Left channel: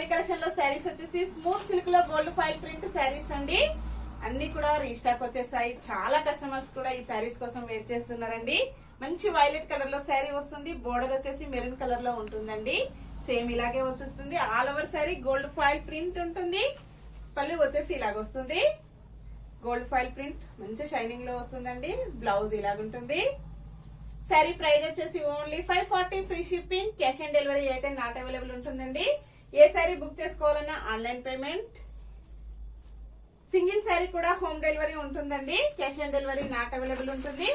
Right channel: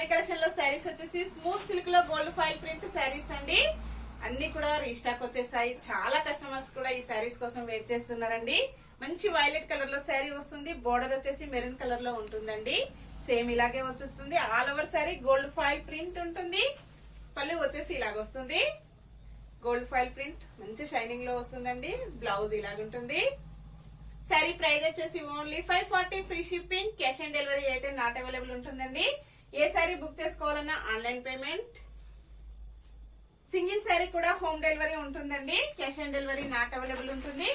మన కలెక్షన్ లో శారీస్ వచ్చేసి స్మూత్ సిల్క్ లో గోల్డ్ ఫాయిల్ ప్రింట్ శారీస్ అండి. అన్ని కూడా రీస్టాక్ వచ్చేసాయి. చాలా కస్టమర్స్ కూడా ఈ శారీస్ కోసం వెయిట్ చేస్తున్నారండి. మంచి వైలెట్ కలర్ లో శారీ వస్తుంది. బోర్డర్ వచ్చేసి మెరూన్ కలర్ లో ఉంటుందండి. సేమ్ ఇలాగే వచ్చేస్తుంది. All over sari gold foil print ఉంటుంది. పళ్ళు వచ్చేసి ఇలాగ వస్తుంది. గోల్డ్ ఫాయిల్ ప్రింట్ మంచి షైనింగ్ లో వస్తుందండి. బ్లౌజ్ ఇలాగుంటుంది. శారీ ప్రైస్ వచ్చేసి only 540 free shipping. Cash on delivery అయితే నాట్ అవైలబుల్ ఉంటుందండి. ఏ శారీ బుక్ చేసుకోవాలన్నా ఆన్లైన్ పేమెంట్. సింగిల్ శారీ కూడా హోమ్ డెలివరీ ఉంటుందండి. Cash on delivery not available ఉంటుంది.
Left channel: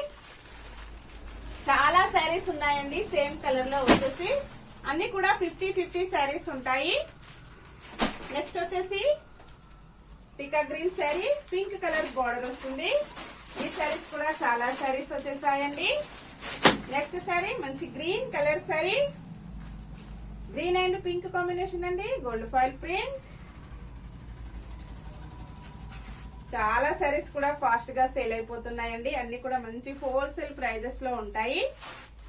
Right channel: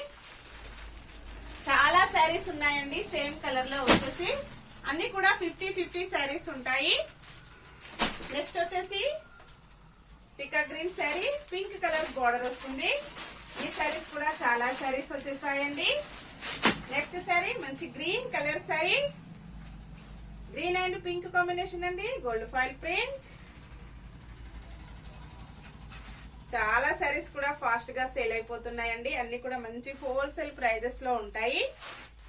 చాలా శారీస్ ఉన్నాయండి సేమ్ కలర్ లో వచ్చేసి. అన్ని కూడా 50-50 శారీస్ ఉంటాయి. నెక్స్ట్ వచ్చేసి పికా green sari, pink colour border వస్తుంది. ఈ శారీస్ కూడా చాలా శారీస్ వచ్చేసాయండి. నెక్స్ట్ శారీ మంచి green colour sari, green and pink combination అండి. Gold foil print. చాలా శారీస్ కూడా ఫాస్ట్ గా సేల్ అయిపోతున్నాయండి. అన్ని కూడా మంచి హోల్సేల్ ప్రైజెస్ లో ఉంటాయి.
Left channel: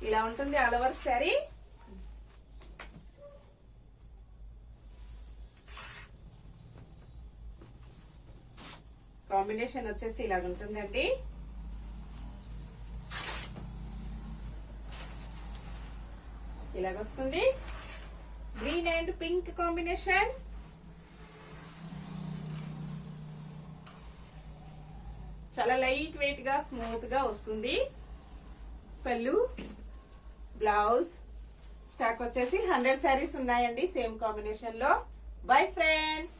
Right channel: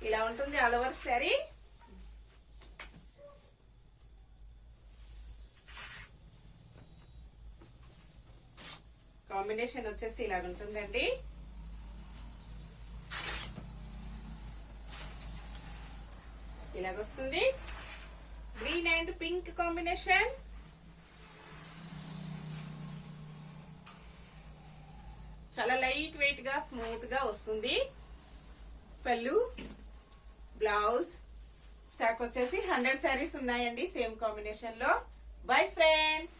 ఇలా ఉంటుంది ఆల్ ఓవర్ శారీ. కాంబినేషన్ వచ్చేసి ఇలాగ ఉంటుందండి. ఇలాగొస్తుంది. Green and pink combination. చాలా లైట్ వెయిట్ గా స్మూత్ గా వస్తుంది. పళ్ళు, బ్లౌజ్. స్టాక్ వచ్చేసి 100 శారీస్ ఉన్నాయండి సేమ్ కాంబినేషన్ లో. Bye friends.